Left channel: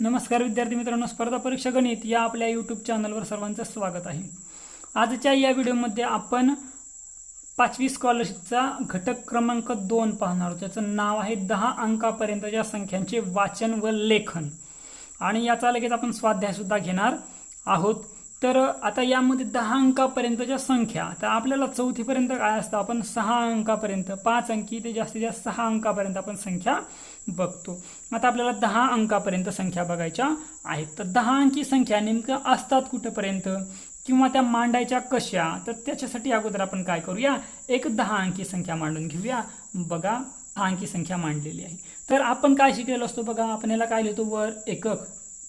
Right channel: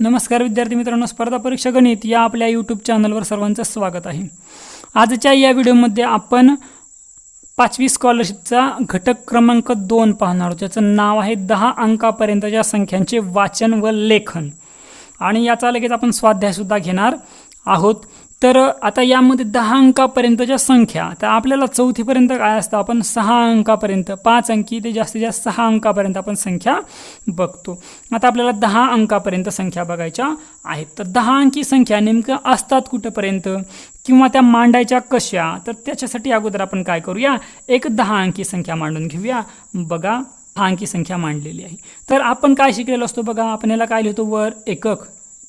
नमस्कार विद्यार्थी मित्रांनो, स्पर्धा परीक्षा गणित या आपल्या यूट्यूब चॅनलवर सर्वांचं स्वागत आहे। आजच्या या व्हिडिओमध्ये आपण 5वी स्कॉलरशिपचा घटक क्रमांक 2 पाहणार आहोत, ज्याचं नाव आहे 10 अंकापर्यंतच्या संख्यांचे वाचन व लेखन। आणि याचा लगेच आपण स्वाध्यायसुद्धा घेणार आहोत। तर आता यामध्ये 10 अंकापर्यंतच्या संख्या, तर आपल्याला चौथीपर्यंत काय असतं, आपण 6 अंकापर्यंत 5 अंकी ते जास्तीत जास्त 6 अंकापर्यंत आपण संख्या बघतो। आता आपल्याला 10 अंकापर्यंत संख्या बघायच्या आहेत। तर 10 अंकी संख्या नेमकं असतात कुठपर्यंत किंवा त्या मांडायच्या कशा, तर त्याच्यासाठी अगोदर आपण काय करूया, एक 10 अंकी संख्या मांडून घेऊया। बघा 10 अंकी संख्या मांडलेली आहे। तर आपण काय शिकलेलो असतो बघा, आपण याला काय लिहितो, वर एकक,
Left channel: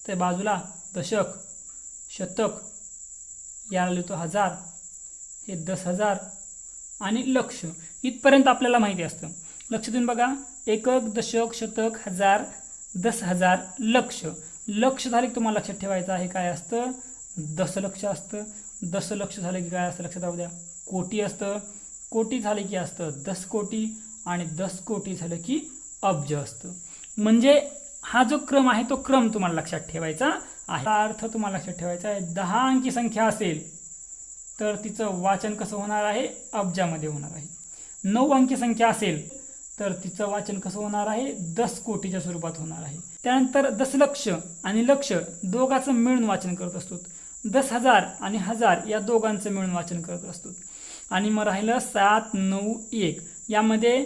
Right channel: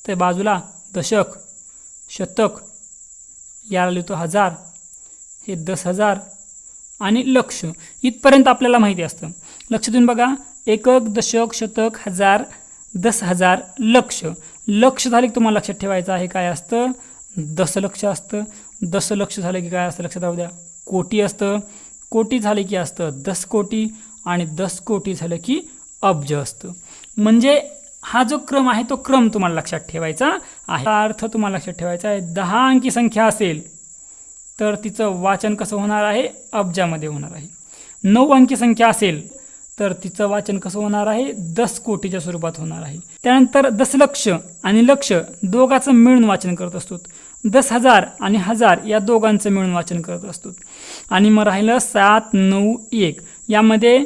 तर बाजूला दशक, शतक, याला लिहितो हजार, हे 10,000 आणि लक्ष, इथपर्यंत आपल्याला माहिती असतं। लक्ष देऊन बघा, एकक, दशक, शतक, हजार, 10,000, लक्ष। लक्ष झाले की तुम्हाला लक्षात ठेवायचं आहे काय असतं, दशलक्ष असतं। दशलक्ष झालं की काय असतं लक्षात राहू द्या, कोटी असतं। कोटी झाले की असतं 10 कोटी आणि 10 कोटी झालं की अब्ज असतं। म्हणजे हा जो क्रम आहे तो क्रम तुम्हाला लक्षात ठेवायचा आहे। अर्थ तुम्हाला लक्षात ठेवायचा आहे, 10 अंकी संख्या असेल तर तिचं वाचन कसं होणार आहे, अब्जामध्ये होणार आहे। 9 अंकी संख्या असेल तर तिचं वाचन कसं होणार आहे, 10 कोटीच्या स्वरूपात होणार आहे। त्यानंतर दशलक्ष आणि लक्ष दोघांचं मिळून वाचन करत असतो। 10,000 आणि हजार या दोघांचं मिळून वाचन करत असतो। आणि मग राहिलं 7, 9, 1 यामध्ये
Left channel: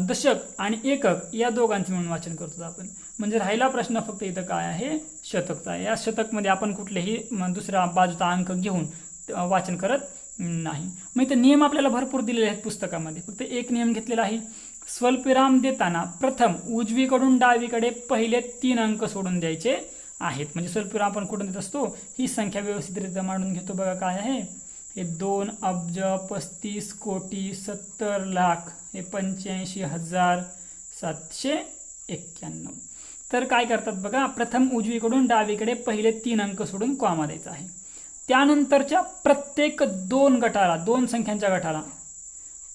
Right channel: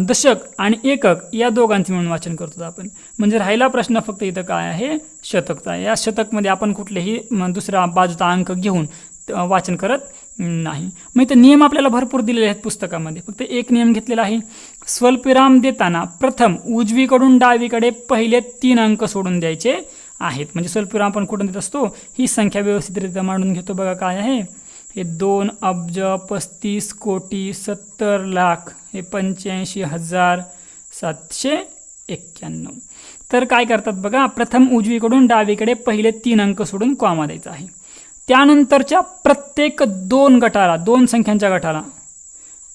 दशक आणि एकक या दोघांचं मिळून वाचन करतो आपण। म्हणजे राहिला प्रश्न फक्त इथं काय आहे, शतकचा। या शतकमध्ये आपण कुठलेही दुसरा बाजूचा अंक घेऊन वाचन करत नाही। मग इथं नियम आपल्याला भरपूर दिलेले आहेत पुस्तकामध्ये, फक्त एक नियम घेतलेला आहे, स्वल्पविराम देताना प्रथम उजवीकडून डावीकडे पहिले 3 अंक सोडून द्यायचे आहेत। म्हणजे स्वल्पविराम आपण कुठून देत असतो, ही संख्या व्यवस्थितरित्या मांडून घेतो। बघा काय आहे, हे 2 अब्ज, 35 कोटी, 70 लाख, हे 85,791। तर काय करतात बघा, प्रथम उजवीकडून डावीकडे पहिले 3 अंक सोडून कॉमा द्यायचा आहे। त्यानंतरच्या प्रत्येक 2 गटाला, 2 संख्यांच्या गटाला,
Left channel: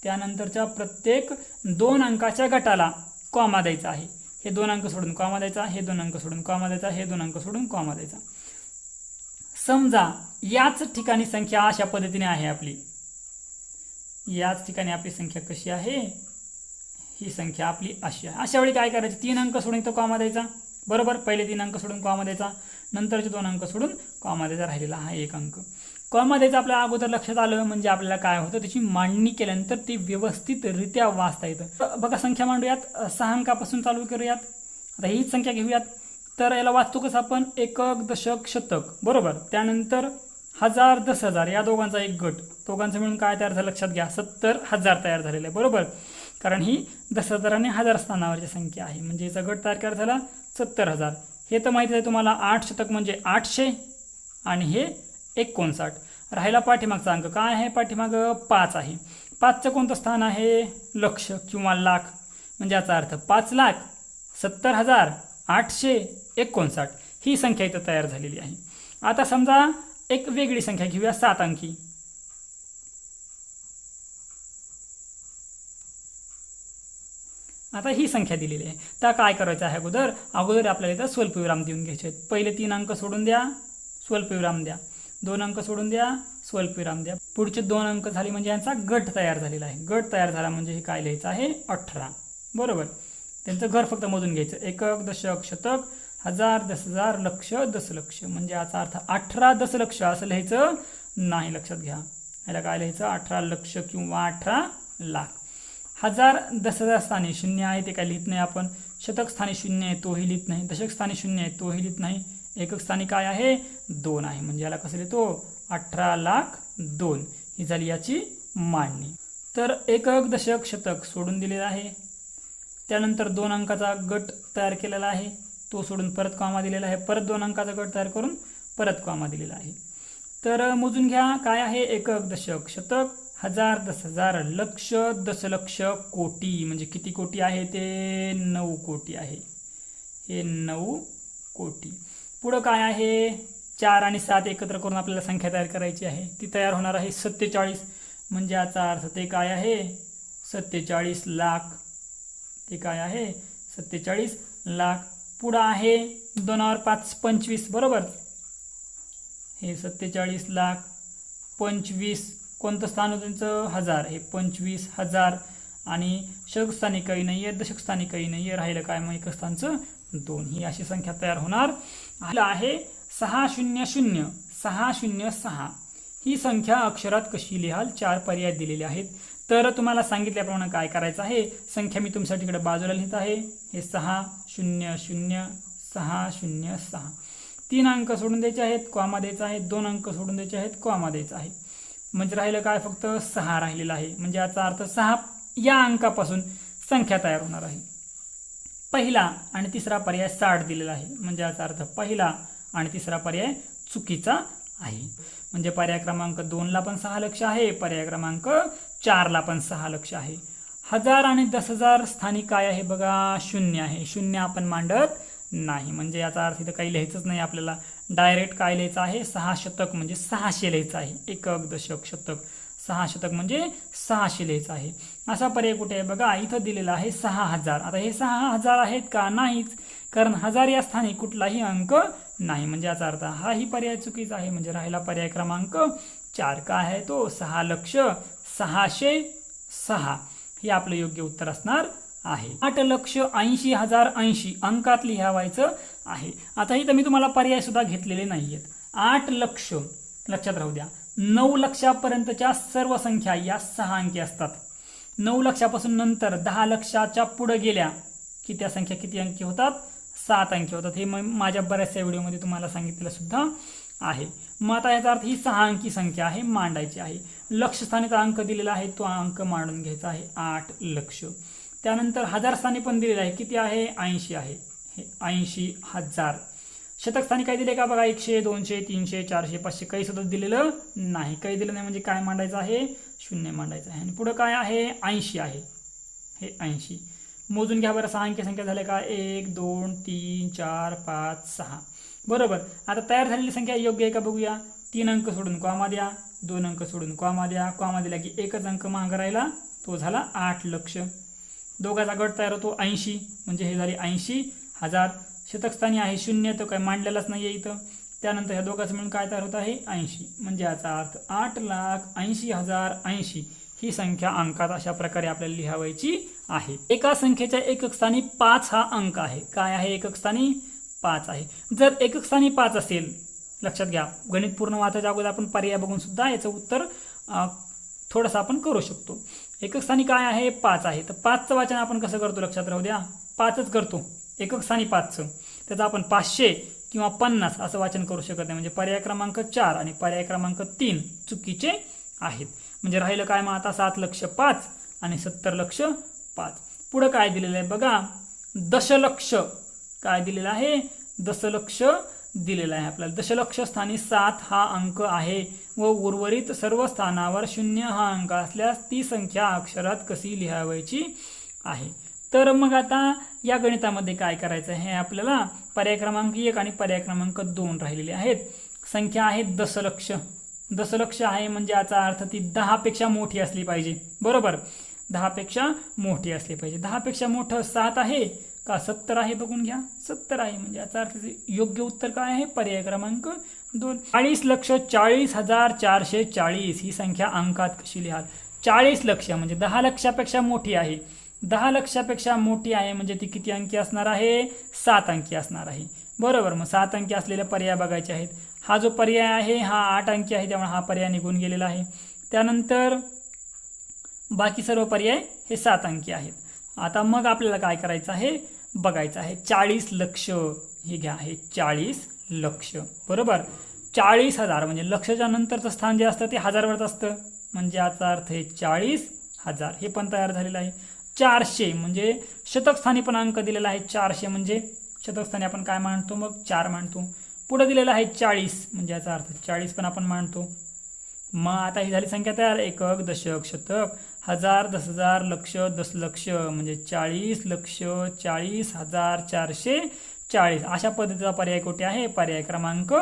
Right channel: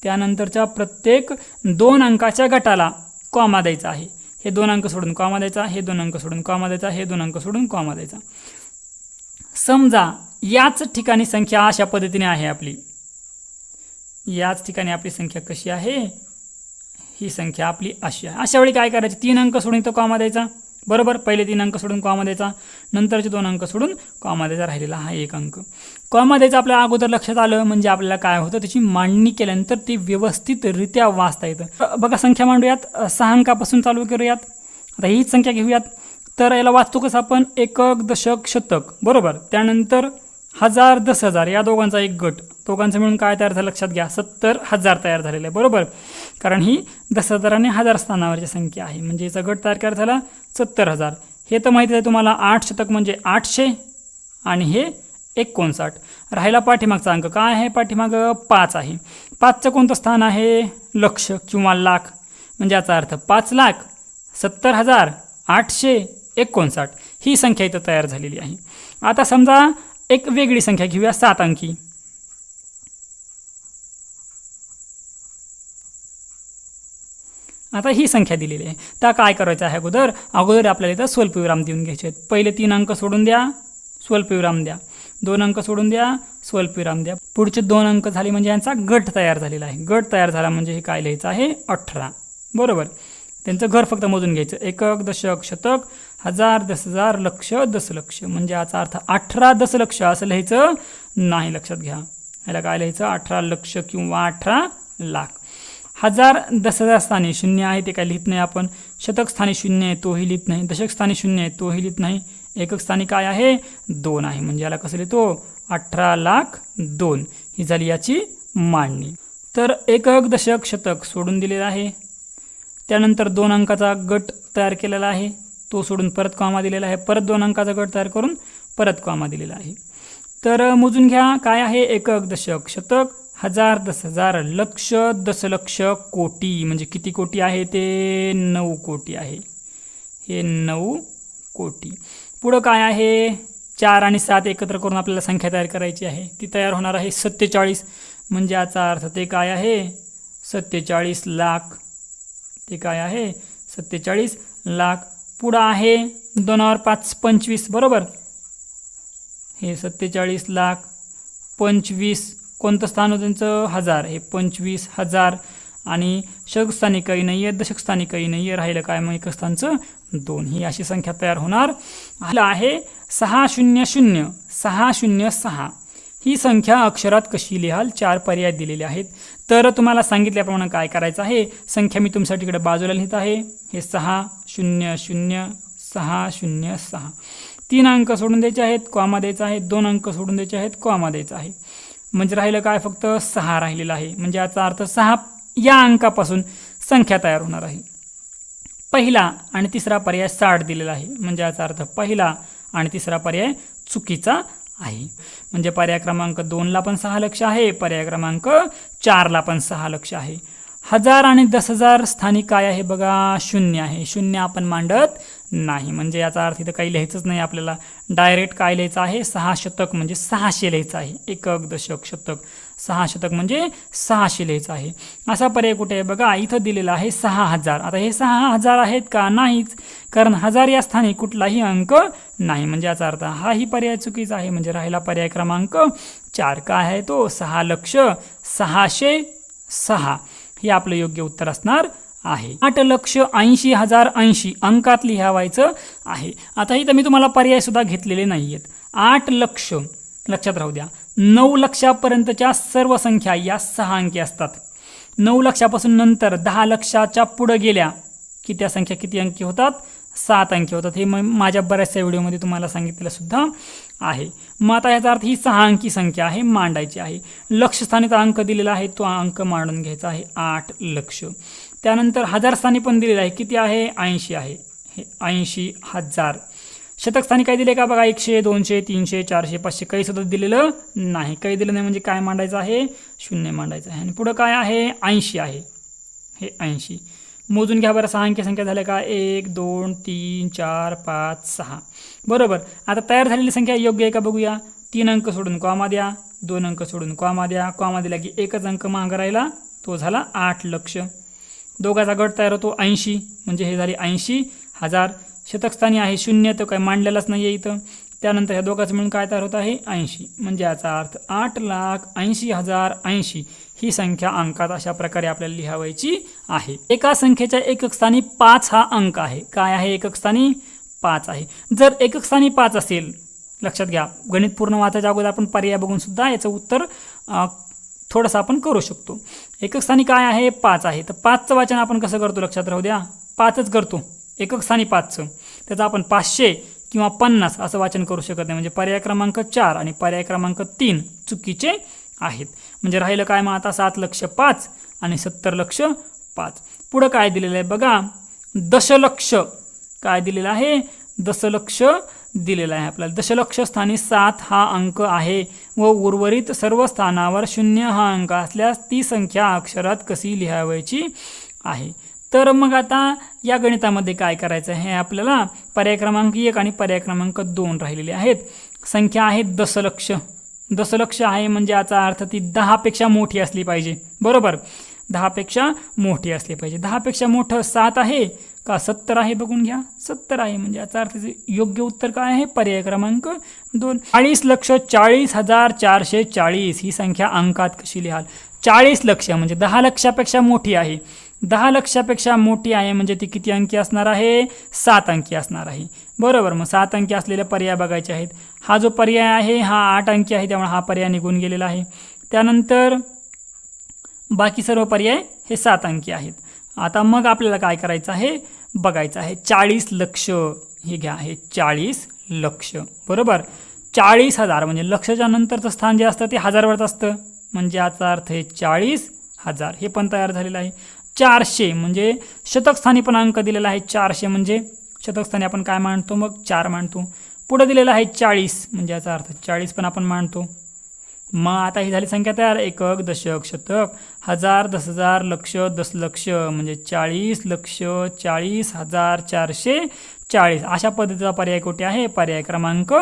त्यानंतरच्या प्रत्येक 2 अंकाच्या गटाला कॉमा द्यायचा आहे। हे 2 अंक सोडून कॉमा द्यायचा, हे 2 अंक सोडून कॉमा द्यायचा, हे 2 अंक सोडून कॉमा द्यायचा। समजा याच ठिकाणी संख्या अशा पद्धतीने आहे आपली, याच ठिकाणी आपली संख्या कशी आहे, ही संख्या आपली अशी आहे। अशा वेळी काय करायचं, 3 अंक सोडून इथं कॉमा द्यायचा, बरोबर, पहिले 3 अंक सोडून कॉमा द्यायचा, नंतरचे 2 अंक सोडून कॉमा द्यायचा, राहिलेला हा 1 अंक कॉमा द्यायचा। आपल्याला अगोदर लक्षात आलं म्हणजे आपल्याला काय होतं, त्याची मांडणी केल्यानंतर ती व्यवस्थितरित्या वाचता येतं। बघा संख्या मांडूयात, 6 अंकापासून चालू करूयात। आता हीच संख्या घेऊयात, तर याला वाचतो कसं आपण, एकक, दशक, शतक, बरोबर, त्यानंतर हजार, 10,000 या दोघांचा एक गट, दोघांचं मिळून काय तयार झालं लक्षात घ्या, 70,000 तयार झालेलं आहे, बरोबर। कारण ही 10,000 आणि 1000 स्थानावरची संख्या आहे, म्हणजे याचा गट तयार झाला 70,000। हे तर माहिती आहे तुम्हाला, 8 शतक म्हणजे 800 आणि हे 59। राहिला पाठीमागचा अंक, काय आहे पाठीमागं, 5 आहे। 5चं कोणतं स्थान आहे, लक्ष किंवा लाख, म्हणजे याचा अर्थ 5,70,859 ही संख्या इथं तयार झालेली आहे। आता समजा एक वेगळी संख्या घेऊया, 7 अंकी। आता ही संख्या दिलेली आहे, तर काय करायचं आहे, अगोदर आपल्याला इथं स्वल्पविराम देऊन घ्यायचे आहेत। पहिले 3 अंक सोडून द्या, स्वल्पविराम द्या, 2 अंक सोडून द्या, स्वल्पविराम द्या, पुढचे 2 अंक झाले म्हणजे यांचा गट तयार झालेला आहे। गट तयार झाला म्हणजे हे काय लिहायचं आहे, 18, बरोबर। त्यांचं घर फक्त मोजून घ्यायचं, एकक, दशक, शतक, हजार, 10,000, लक्ष, दशलक्ष, म्हणजे याचा अर्थ 18 दशलक्ष असं लिहायचं नाही, लक्षात घ्या। याला काय लिहायचं, 18 लक्ष किंवा 18 लाख। हजार, 10,000 स्थानी 0 आहे, ते काय लिहित नाही आपण। शतक स्थानी 0 आहे, तोही लिहित नाही। दशक स्थानी 0 आहे, तोही लिहित नाही। एकक स्थानी काय आहे, 2 आहे, म्हणजे याला कसं लिहितो, 18,02,000 ही झाली याची मांडणी। तर एकक, दशक, शतक सोडून दिलेलं आहे। त्यानंतर 2 अंकाचा गट तयार केलेला आहे, तो सोडून परत कॉमा दिलेला आहे, परत 2 अंकाचा गट तयार करून परत कॉमा दिलेला आहे। तर मोजून घ्या, काय आहे, एकक, दशक, शतक, हजार, 10,000, लक्ष, दशलक्ष, कोटी, म्हणजे किती कोटी आहे ते 9 कोटी आहे, हे 9 कोटी। पुढं काय आहे, 4 आणि 7 एकत्र करून आपल्याला संख्या तयार करायची आहे, ती तयार होणार आहे 47, म्हणजे याचा अर्थ ते काय आहे, 47 लाख, ते काय आहे 47 लाख। पुढं आहे 2 वर 5 25 बरोबर. हे 47,25,000 कोणतं स्थान होतं त्यांचं 1000. हे 25,000 आणि शतक स्थानी काही नाही आहे, दशक स्थानी काही नाही आहे, राहिलं काय मग एकक स्थानचं 2. ही अशी संख्या तयार होणार आहे. 600 606 ही संख्या अक्षरात कशी लिहाल? 4 पर्याय दिलेले आहेत. तर तुम्हाला सांगितल्याप्रमाणे काय करायचं आहे, संख्या मी तुमच्यासाठी इकडे बाजूला लिहित आहे. हे 600,606 3 अंक सोडून द्यायचे आहेत, कॉमा द्यायचा आहे. 2 अंक सोडून द्यायचे आहेत, कॉमा द्यायचा आहे. म्हणजे राहिलं काय? फक्त 6 राहिलेला आहे. म्हणजे याचा अर्थ 6 या अंकापासून संख्या तयार होणार आहे. पहिला आणि तिसरा पर्याय 60 दिलेला आहे. म्हणजे याचा अर्थ पहिला आणि तिसरा पर्याय चुकीचा आहे. म्हणजे पर्याय क्रमांक 2ला पण 6 लक्ष आहे, पर्याय क्रमांक 4ला पण 6 लक्ष आहे. 1000 आणि 10,000 स्थानी काय आहे बघा? 0 आहे. 0 आपण मांडत नाही. म्हणजे याचा अर्थ इथं काही लिहायचंच नाही आपल्याला. डायरेक्ट काय लिहायचं आहे? 6 शतक म्हणजे 600 लिहायचं आहे. एकक दशक शतक 6 शतक म्हणजे 600 लिहायचं आहे. असा पर्याय कुठे आहे बघा? इथं दिलेला आहे 6000. आता हे 6000 आहेत का? नाहीच, कारण 1000 या स्थानी कुठलाही अंक नाही. म्हणजे याचा अर्थ हाही पर्याय चुकीचा आहे. म्हणजे राहिला पर्याय क्रमांक 4. काय आहे तो? 6,606 हे आपलं योग्य उत्तर असणार आहे. 8,80,080 अंकात लिहावायचं आहे. आता इथं मी तुम्हाला पर्याय सुद्धा घेतलेले नाही आहेत. 8 लक्ष लक्षात राहू द्या. 9 लक्षापर्यंतच्या सर्व संख्या या 6 अंकी असतात. 9 लक्षापासून नंतर 10 लक्षाच्या पुढे गेल्या की त्या संख्या किती अंकी होतात? 7 अंकी होतात. हे माझ्या बऱ्याचशा व्हिडिओमध्ये तुम्हाला सांगितलेलं सुद्धा आहे. मग आता याचा अर्थ ही 6 अंकी संख्या आहे, मांडायची आहे. लक्ष स्थानीचा अंक दिलेला आहे, तो अंक मांडून घ्यायचा आहे 8 लक्ष. त्यानंतर 1000 स्थानी पण दिलेलं आहे, किती आहे? 80 आहे. हे 80,000. शतक स्थानी काय दिले का बघा? 100, 200, 300, 400, 500 काही सुद्धा दिलेलं नाही. काही दिलं नाही म्हणजे काय मांडायचं आहे? 0 मांडायचं आहे. आणि पुढं काय आहे? 80 आहे. हे 80 मोजून घ्या बरं. 6 अंकी संख्या झाल्या का? 1 2 3 4 5 6 बरोबर. आता तयार झालेली संख्या योग्य आहे का बघूया. 3 अंक सोडून कॉमा द्या, 2 अंक सोडून कॉमा द्या. कॉमा दिला की एकच अंक मागं राहिला, तो झाला 8 लक्ष. दोघाचा गट तयार होतो 80. म्हणजे हे झाले 80,000. शतकस्थानी आहे 0, तर काही मांडलेलाच नाही आहे इथं. त्यानंतर ह्या दोघांचं मिळून काय तयार होत आहे? 80. म्हणजे याचा अर्थ 8,80,080 ही संख्या अंकात अशा प्रकारे आपल्याला लिहावायची आहे. एका संख्येच्या एकक स्थानी 5 हा अंक आहे. काय आहे? एकक स्थानी 5 आहे. जर एकक स्थानी 5 असेल, लक्षात घ्या, गणित पूर्ण वाचायच्या अगोदर आपण पर्याय बघून सुद्धा याचं उत्तर थोडंसं आपण करू शकतो. एकक स्थानी काय आहे? 5 आहे. तर 5चं वाचन आपण कसं करतो? लक्षात राहू द्या, 5च करतो. एकक स्थानी 5चं त्याचं आपण 500 किंवा 50 असं वाचन करू शकत नाही. म्हणजे पर्याय क्रमांक 4 आणि पर्याय क्रमांक 3 चुकीचे आहेत. म्हणजे राहिलं काय मग आता? 7 लक्ष 5 आणि 70 लक्ष 5. पुढं काय दिलेलं आहे बघा? दशलक्ष. काय दिलेलं आहे? दशलक्ष दिलेला आहे आपल्याला. दशलक्ष स्थानी 7 हा अंक आहे व उर्वरित सर्व स्थानावर 0 हा अंक असल्यास ती संख्या अक्षरात कशी लिहावायची आहे. तर मग आता या गणितामध्ये काय करायचं आहे? आपल्याला पर्याय क्रमांक 1 आणि पर्याय क्रमांक 2 राहिलेले आहेत. संख्या आहे दशलक्ष. दशलक्ष आहे म्हणजे याचा अर्थ ती 10 पेक्षा मोठी असली पाहिजे. बरोबर, 10 पेक्षा मोठी असली पाहिजे. 10 पेक्षा मोठं 7 आहे का 70 आहे? बघून घ्या, 70 आहे. म्हणजे याचा अर्थ योग्य उत्तर काय आहे? पर्याय क्रमांक 2. 40,40,440 ही संख्या अंकात कशी लिहाल? 40 लक्ष म्हणजे 10 लक्षापेक्षा मोठी आहे. 10 लक्षापेक्षा मोठी आहे म्हणजे ती किती अंकी असणार आहे? 7 अंकी असणार आहे. बरोबर. मग 7 अंकी असलेले पर्याय बघायचे आहेत. हा जो पर्याय आहे हा 8 अंकी आहे, त्यामुळे हा पर्याय निघून गेलेला आहे. त्यानंतर बाकी सर्व पर्याय हे 7 अंकी आहेत. आता मग आपल्याला काय करायचं आहे? बघायचं आहे 40 लक्ष. हे घ्या, हे 40 लक्ष. बरोबर. 40,000 म्हणजे लक्षच्या नंतरचं स्थान जे असतं ते हजारवरच असतं. म्हणजे याचा अर्थ आहे 40,000. हे पण तयार झालेलं आहे. 400 म्हणजे शतकस्थानी पण अंक दिलेला आहे. 400 म्हणजे शतकस्थानी आपण काय मांडतो? मग 4 मांडतो. पुढे दिलेला आहे 40 म्हणजे याचा अर्थ 40 पण आपण मांडतो. मग आता ही झाली संख्या तयार. एकक दशक शतक 1000 10,000 लक्ष दशलक्ष म्हणजे 40 लक्ष 40,440 अशा पद्धतीचा पर्याय कुठे आहे? पर्याय क्रमांक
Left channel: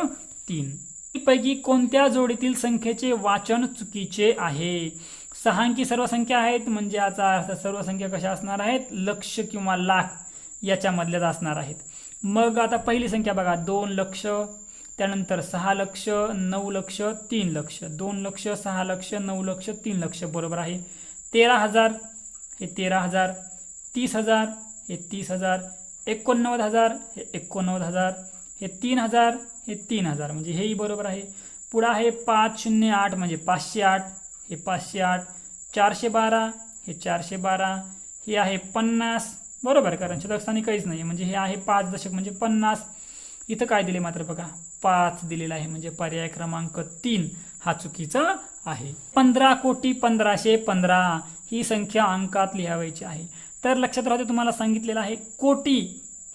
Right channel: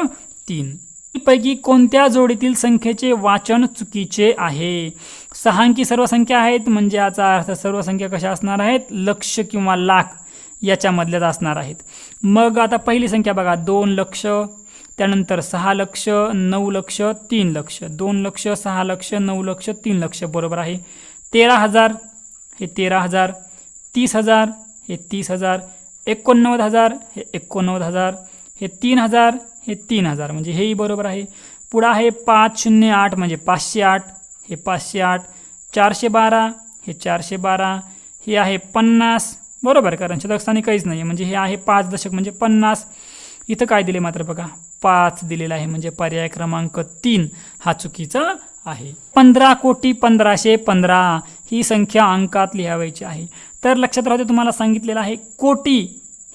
3. पैकी कोणत्या जोडीतील संख्येचे वाचन चुकीचे आहे? 6 अंकी सर्व संख्या आहेत म्हणजे याचा अर्थ सर्व संख्या कशा असणार आहेत? लक्ष किंवा लाख याच्यामधल्याच असणार आहेत. मग आता पहिली संख्या बघा 2 लक्ष, त्यानंतर 6 लक्ष, 9 लक्ष, 3 लक्ष, 2 लक्ष, 6 लक्ष, 9 लक्ष, 3 लक्ष बरोबर आहे. 13,000 हे 13,000, 30,000 हे 30,000, 89,000 हे 89,000, हे 3,000 हे 3,000 म्हणजे हेही बरोबर आहे. पुढं आहे 508 म्हणजे 508 हे 508, 412 हे 412, हे आहे 50 बरोबर, कारण शतकस्थानी काहीच नाही म्हणजे हे आहे 5 दशक म्हणजे 50. इथं काय दिले मात्र बघा 5 दिलेला आहे म्हणजे पर्याय क्रमांक 3 हा चुकीचा आहे. 15,15,15 ही संख्या अंकात लिहावायची आहे. तर लक्षात राहते तुम्हाला सांगितलेलं आहे कोटी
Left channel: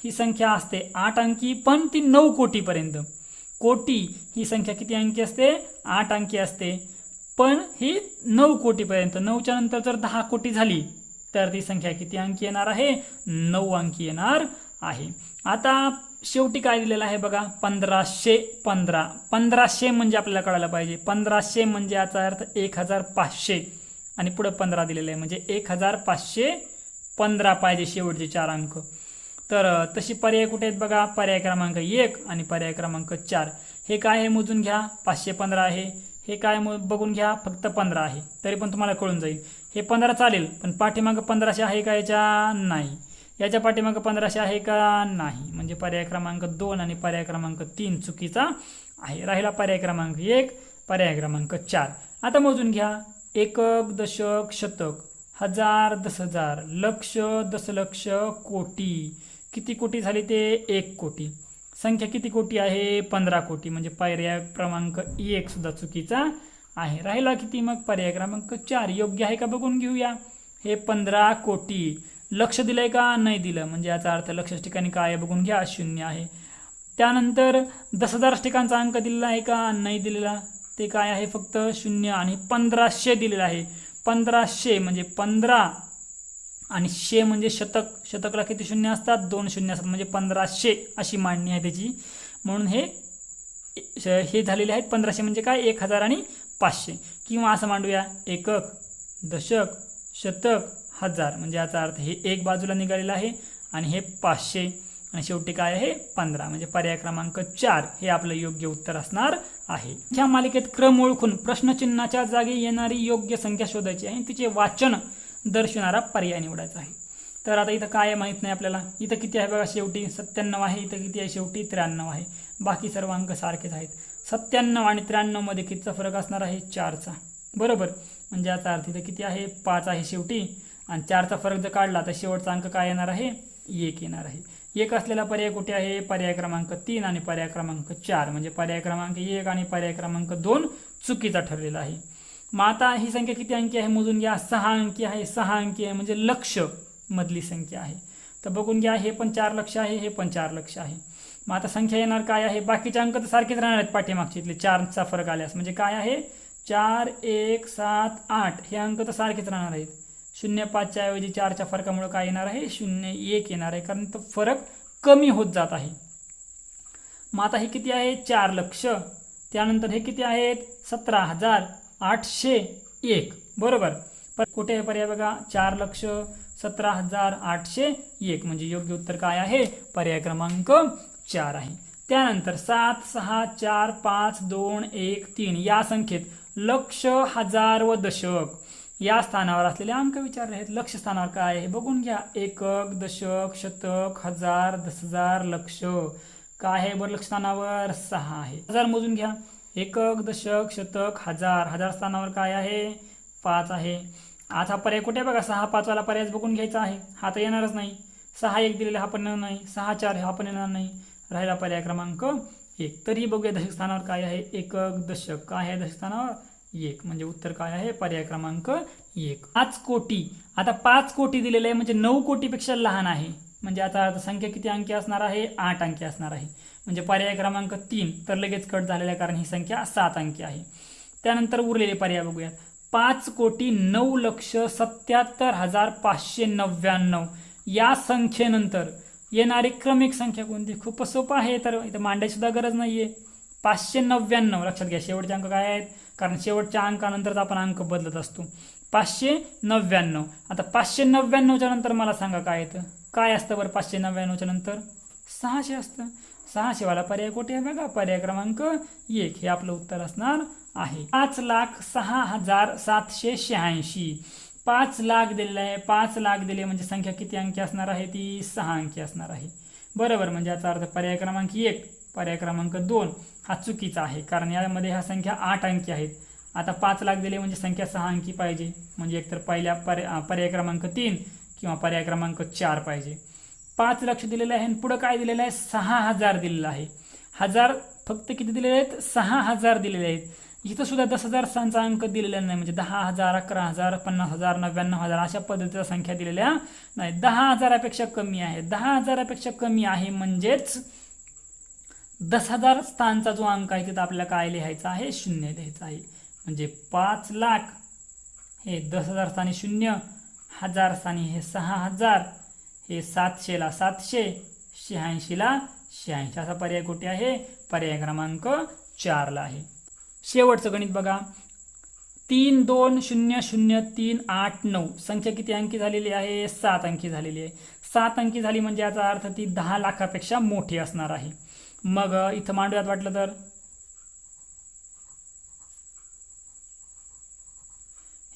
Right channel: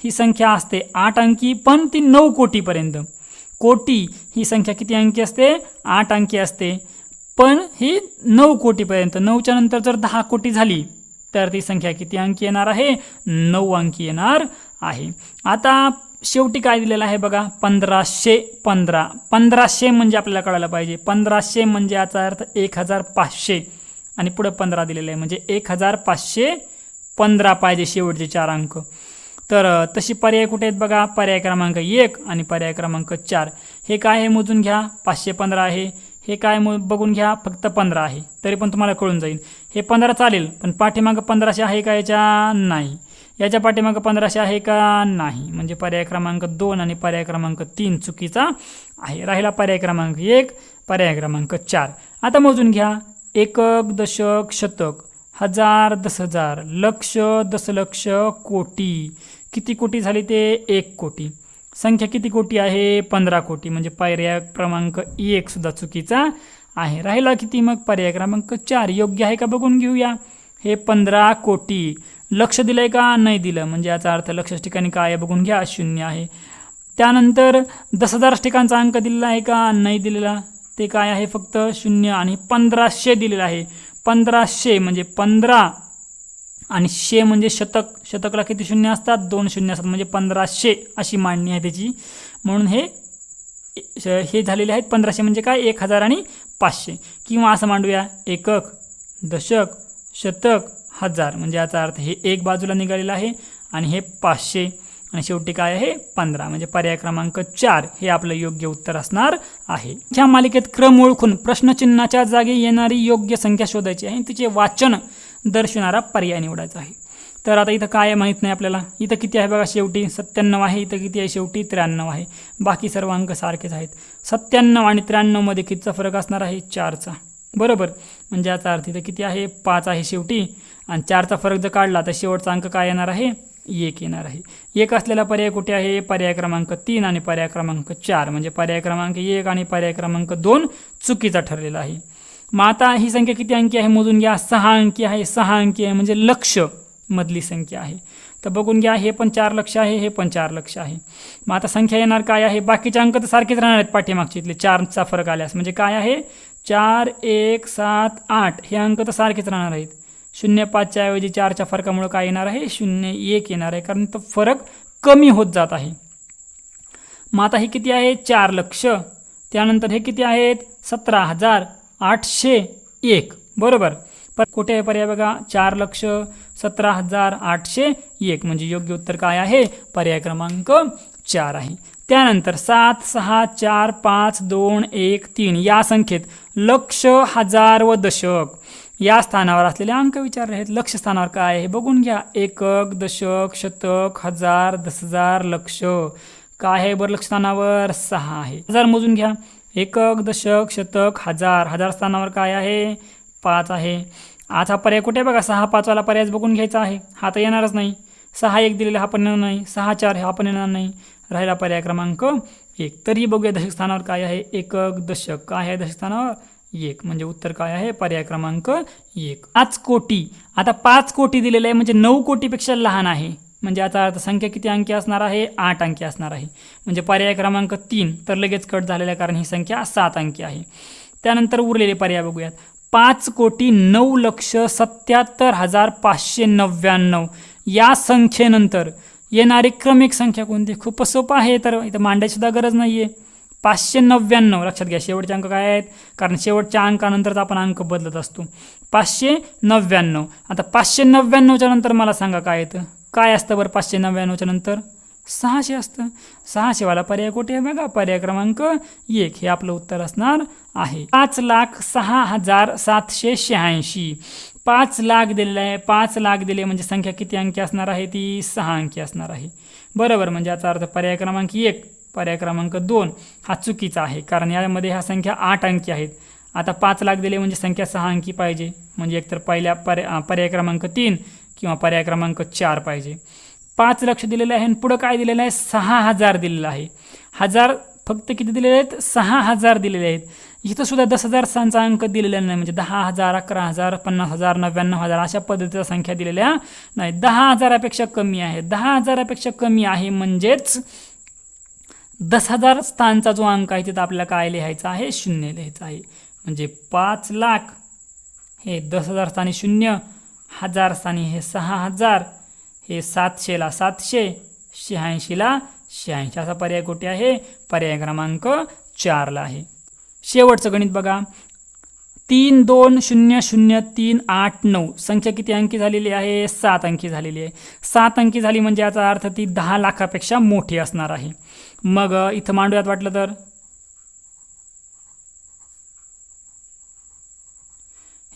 ही संख्या असते 8 अंकी पण ती 9 कोटीपर्यंत. कोटी ही संख्या किती अंकी असते 8 अंकी असते पण ही 9 कोटीपर्यंत. 9च्या नंतर जर 10 कोटी झाली तर ती संख्या किती अंकी येणार आहे 9 अंकी येणार आहे. आता शेवटी काय दिलेलं आहे बघा 1515. 1500 म्हणजे आपल्याला कळायला पाहिजे 1500 म्हणजे याचा अर्थ 1500 आणि पुढे 15 दिलेलं आहे म्हणजे 1515 पाहिजे शेवटचे 4 अंक. तर तशी पर्याय कुठे आहेत बघा पर्याय क्रमांक 1 आणि पर्याय क्रमांक 4. हे काय आहे मोजून घ्या 515 आहे. हे काय बघून घ्या फक्त 15 आहे तरी पण तुम्हाला कळून जाईल. हे 15 चालेल पण पाठीमागं 1500 आहे का याच्या नाही, याच्या पाठीमागं 1500 आहे का नाही म्हणजे पर्याय क्रमांक 2 आणि पर्याय क्रमांक 3 चुकीचा आहे. राहिला पर्याय क्रमांक 1 पर्याय क्रमांक 4. आता मोजून घ्या एकक, दशक, शतक, हजार, 10,000, लक्ष, दशलक्ष, कोटी. किती कोटी झाली ते 1 कोटी. संख्या किती कोटी आहे 15 कोटी म्हणजे पर्याय क्रमांक 1 सुद्धा चुकीचा आहे. राहिला किती मग पर्याय क्रमांक 4 योग्य आहे का बघून घेऊया. हे 15 कोटी लक्ष दिलंय का नाही दिलं म्हणजे याचा अर्थ लक्ष ठिकाणी काय आहे बघून घ्या 0 आहे. त्यानंतर 10,000 ठिकाणचा अंक दिलेला आहे का नाही दिलेला ते काय आहे फक्त 0 आणि 1500 दिलेला आहे. 1500 म्हणजे 15 आणि 100 म्हणजे शतक. शतकला किती शून्य असतात 2 शून्य असतात म्हणजे 1500 अशी मांडणी आहे त्याची. म्हणून हे झालेले आहेत 1500 म्हणजे काय 1000 आणि 500 किंवा असं मांडूया एकक, दशक, शतक, हजार म्हणजे याचा अर्थ हे 1 बाजूला निघालेलं आहे आणि हे 500 आणि शेवटी काय आहे 15 म्हणजे पर्याय क्रमांक 4 हे आपलं योग्य उत्तर असणार आहे. ह्या मालिकेत क्रम ओळखून प्रश्नचिन्हाच्या जागी येणारी योग्य संख्या शोधायची आहे आणि तिचे वाचन दर्शवणारा पर्याय निवडायचा आहे. तर आता इथं काय माहीत नाही आपल्याला. इथं किती आहे बघा शेवटी 97 आहे. इथं किती आहे शेवटी 93 आहे. बाकी सर्व अंक सारखेच आहेत. 97 आणि 93 मध्ये कितीचा फरक असणार आहे 4चा बरोबर म्हणजे याचा अर्थ इथं किती आहे 5 आहे शेवटी आणि 4चा फरक जर काढला तर शेवटचा अंक काय येणार आहे 1 येणार आहे. 1 असलेला पर्याय कुठे आहे पर्याय क्रमांक 3 आणि पर्याय क्रमांक 4 म्हणजे पर्याय क्रमांक 1 आणि पर्याय क्रमांक 2 चुकीचा ठरलेला आहे. मग आता ही संख्या किती अंकी आहे मोजून घ्या 6 अंकी आहे. 6 अंकी आहे म्हणजे लक्ष मधली संख्या आहे. तर बघून घ्या हे पण 4 लक्ष आहे हे पण 4 लक्ष आहे. मग आता संख्या येणार काय आहे बाकीचे अंक तर सारखेच राहणार आहेत पाठीमागचे इथले 4चा फरक आल्यास म्हणजे काय आहे 4, 1, 7, 8 हे अंक तर सारखेच राहणार आहेत. 0, 5च्या ऐवजी 4च्या फरकामुळे काय येणार आहे 0, 1 येणार आहे कारण तो फरक कमी होत जात आहे. मग आता हे किती आहे 4 लक्ष. त्यानंतर हे किती आहेत 17,801 बरोबर. पण कुठे आहे पर्याय बघा 4 लक्ष 17,801 म्हणजे योग्य उत्तर काय आहे पर्याय क्रमांक 4 आहे. त्यानंतर 7, 6, 4, 5, 2, 1, 3 या संख्येत लक्ष, हजार व दशक या स्थानावर असलेले अंक विचारले आहेत. लक्ष स्थानावर काय आहे बघून घ्या एकक, दशक, शतक, हजार, 10,000, लक्ष. काय आहे बरं लक्ष स्थानावर 6 आहे. हजार मोजून घ्या एकक, दशक, शतक, हजार. हजार स्थानावर काय आहे 5 आहे. आज हा पर्याय कुठे बघा 6, 5 वाला पर्याय बघून घ्यायचा आहे. हा तर येणारच नाही. 6, 1 दिलेला हा पण येणार नाही. 6, 4 हा पण येणार नाही. राहिला पर्याय क्रमांक 1. तरी बघूया दशक स्थानावर काय आहे एकक, दशक. काय आहे दशक स्थानावर 1 म्हणजे उत्तर काय आहे पर्याय क्रमांक 1. 5 कोटी. आता 5 कोटी दिलेलं आहे म्हणजे 9 कोटीपेक्षा लहान आहे म्हणजे याचा अर्थ संख्या किती अंकी असणार आहे 8 अंकी असणार आहे म्हणजे पर्याय क्रमांक 3 तर लगेच कट झालेला आहे कारण ही संख्या 7 अंकी आहे. त्यानंतर उरलेले पर्याय बघूयात 5,09,77,599 या संख्येनंतर येणारी क्रमिक संख्या कोणती. खूपच सोपं आहे तर इथं मांडायची सुद्धा गरज नाही आहे. 599 लक्षात घ्या शेवटचे अंक काय आहेत कारण शेवटच्या अंकानंतरच आपण अंक बदलत असतो. 599. आता 599च्या नंतर मला सांगा काय येतं काय असतं बरं 599च्या नंतर 600 असतं. 600वाला पर्याय कुठे आहे बघा, पर्याय क्रमांक 1 हे आपलं उत्तर असणार आहे. 5,06,786. 5 लाख दिलेलं आहे. 5 लाख दिले म्हणजे संख्या किती अंकी असणार आहे, ती 6 अंकी असणार आहे. बरोबर, म्हणजे याचा अर्थ पर्याय क्रमांक 1, पर्याय क्रमांक 2 हा चुकीचा आहे, कारण यामध्ये ह्या संख्या 8 अंकी आहेत. आता 5 लाख दिले म्हणजे संख्या 6 अंकी पाहिजे, म्हणजे एकतर पहिल्या पर्याय क्रमांक 3 किंवा पर्याय क्रमांक 4 पाहिजे. 5 लक्ष दिलेलं आहे आणि पुढं काय दिलेलं आहे, 6,000 दिलेलं आहे. हजार फक्त किती दिलेले आहेत, 6,000 दिलेले आहेत. इथं सुद्धा 10,000 स्थानचा अंक दिलेला नाही, म्हणजे 10,000, 11,000, 50,000, 99,000 अशा पद्धतीच्या संख्या दिलेल्या नाही. 10,000पेक्षा कमी आहे. 10,000पेक्षा कमी आहे म्हणजेच 10,000 स्थानचा जो अंक आहे तिथं आपल्याला काय लिहायचं आहे, 0 लिहायचं आहे. म्हणजे 5 लाख हे 10,000 स्थानी 0, 1000 स्थानी हे 6,000, हे 700ला 700, 86ला 86. असा पर्याय कुठे आहे, पर्याय क्रमांक 4ला आहे. शेवटचं गणित बघा. 3,2,0,0,3,8,9 संख्या किती अंकी झालेली आहे, 7 अंकी झालेली आहे. 7 अंकी झाली म्हणजे याचा अर्थ ती 10 लाखापेक्षा मोठी असणार आहे. मग इथं मांडूयात वाटलं तर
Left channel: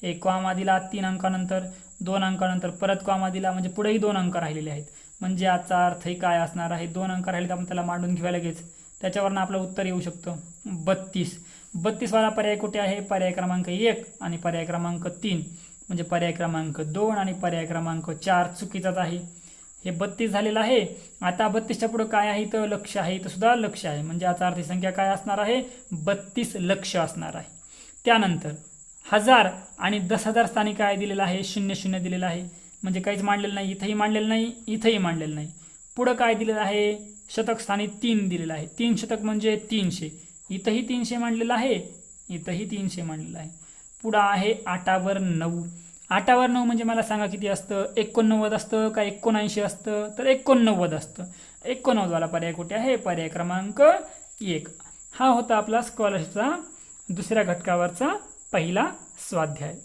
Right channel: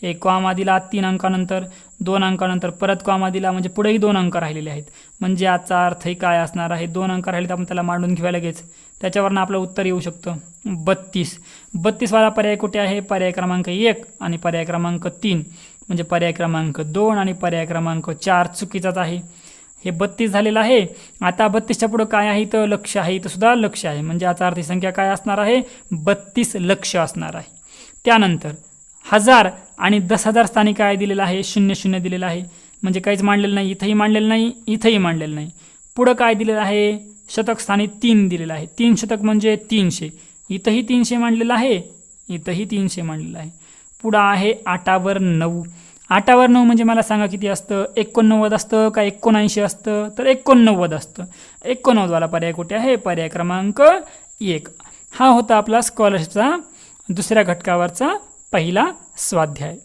हे कॉमा दिला 3 अंकानंतर, 2 अंकानंतर परत कॉमा दिला, म्हणजे पुढेही 2 अंक राहिलेले आहेत. म्हणजे याचा अर्थही काय असणार आहे, 2 अंक राहिले तर आपण त्याला मांडून घेऊया लगेच. त्याच्यावरनं आपलं उत्तर येऊ शकतं 32. 32वाला पर्याय कुठे आहे, पर्याय क्रमांक 1 आणि पर्याय क्रमांक 3, म्हणजे पर्याय क्रमांक 2 आणि पर्याय क्रमांक 4 चुकीचाच आहे. हे 32 झालेलं आहे. आता 32च्या पुढं काय आहे, तर लक्ष आहे, इथं सुद्धा लक्ष आहे, म्हणजे याचा अर्थ संख्या काय असणार आहे, 32 लक्ष असणार आहे. त्यानंतर 1000 आणि 10,000 स्थानी काय दिलेलं आहे, 00 दिलेलं आहे, म्हणजे काहीच मांडलेलं नाही. इथंही मांडलेलं नाही, इथंही मांडलेलं नाही. पुढं काय दिलेलं आहे, शतक स्थानी 3 दिलेलं आहे. 3 शतक म्हणजे 300. इथंही 300 मांडलेलं आहे, इथंही 300 मांडलेलं आहे. पुढं आहे 8वर 9. 8वर 9 म्हणजे मला सांगा किती असतं, 89 असतं का 79 असतं, तर 89 असतं. 89वाला पर्याय कुठे आहे, पर्याय क्रमांक 1. हा होता आपला स्कॉलरशिपचा दुसऱ्या घटकावरचा पहिला स्वाध्याय.